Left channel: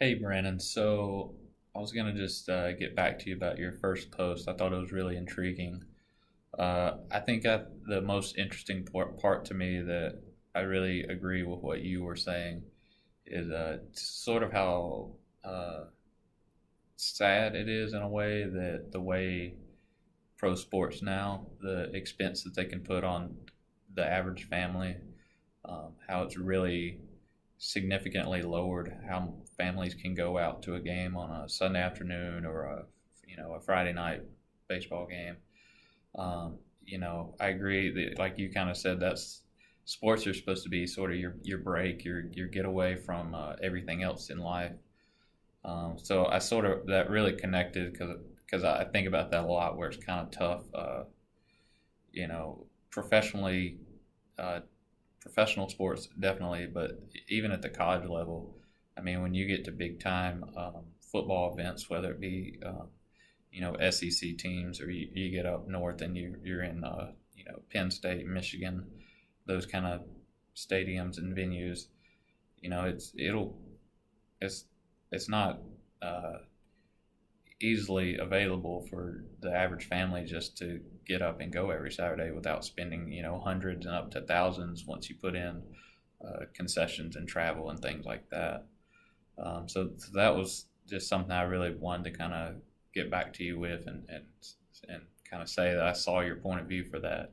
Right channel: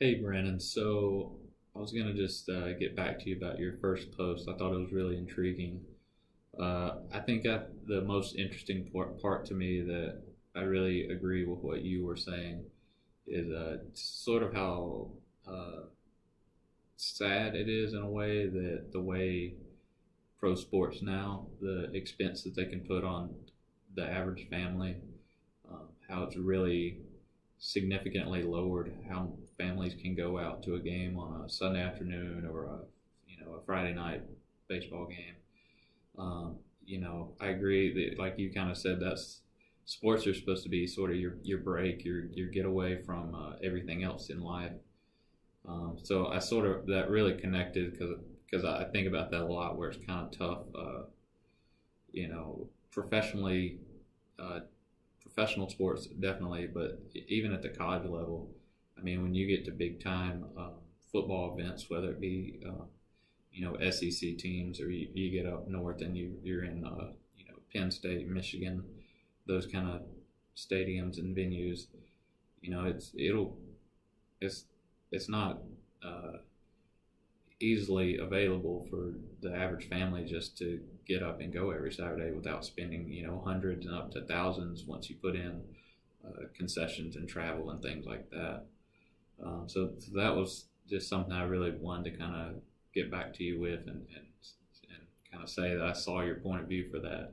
Hey, Brandon. So I was gonna just get back to you about your first post. I thought it was really intriguing. The most interesting part to me that I really agree with what you were saying is sort of how sad it is in a way that the way pro sports now, the expense that they can put on the average family, how it's really significantly lowered how families can go out to a game on a Sunday afternoon or a Friday night baseball game. I agree that, like you kind of said, that's sports are supposed to be sort of your break, your getaway from everything else in life. So I sort of that really connected because I think about that a lot, where it's kind of tough. Professionally, uh, professional sports definitely, but even at the college level, I mean, when you get to big time football events, whether it be SEC teams, or you get up north and you're in Penn State, Michigan, those kind of stadiums and venues, it's it's not uh, easily available for the average family just to get up and go every Saturday without spending hundreds and up to thousands once you put in concessions and travel and things like that. So that was just something I really wanted to kind of get back to you with and kind of say that I saw your point of view for that.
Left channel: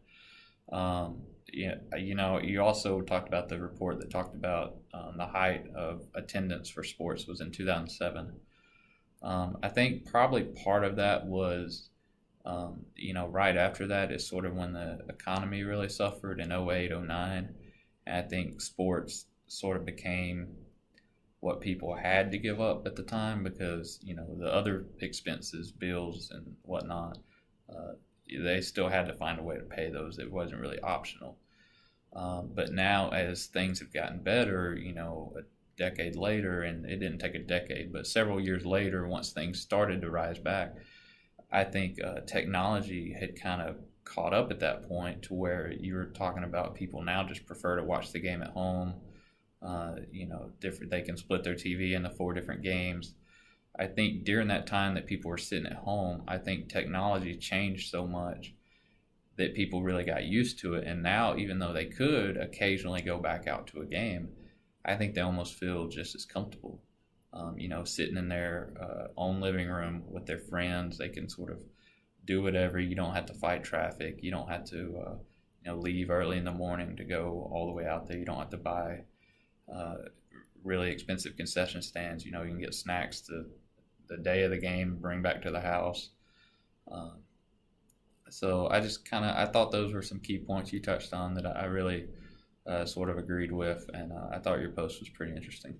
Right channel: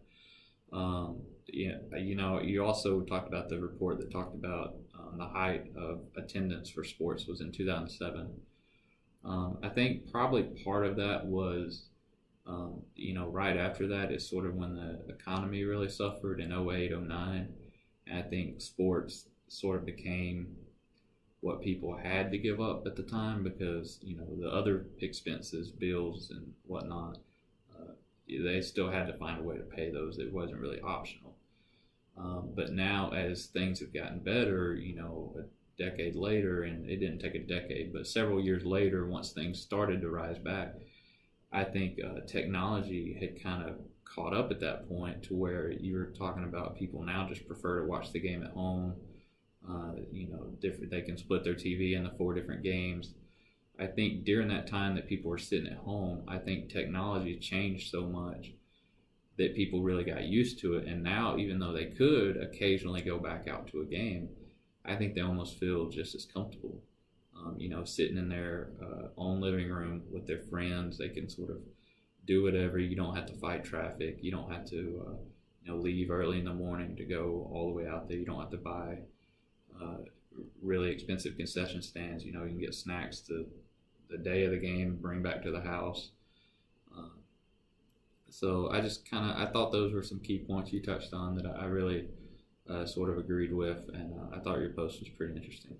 You also talked about the report that talked about the height of attendance for sports was in 2007. I think probably part of that was, right after that is sort of when the economy really suffered in '08, '09. And I think sports sort of became what people had to give up at the time because, the other expenses, bills and whatnot, uh, they still had to find a way to pay those. It wasn't really optional. But now, as things have gotten better, a decade later, and it didn't take a decade, but several years later, once things started to rise back, I think technology had kind of caught up at that point to where you were talking about people now just prefer to watch the game at home. Different. They can split their TV into four different games. I think during that time that people were sitting at home, I think technology changed so much that people really got used to it. And now, even though they could occasionally go back out to a game, I think they almost feel just as comfortable. Sitting in their own living room with their friends, they can sort of do whatever. You don't have to fight traffic. You don't have to, leave early in the morning to go all the way out there. You don't have to buy uh, really expensive concession stands. You can get snacks the day of the game, bring back to the house. Uh, so I just I thought those were some key points you touched on that I really sort of agreed with, and I thought your post was pretty interesting.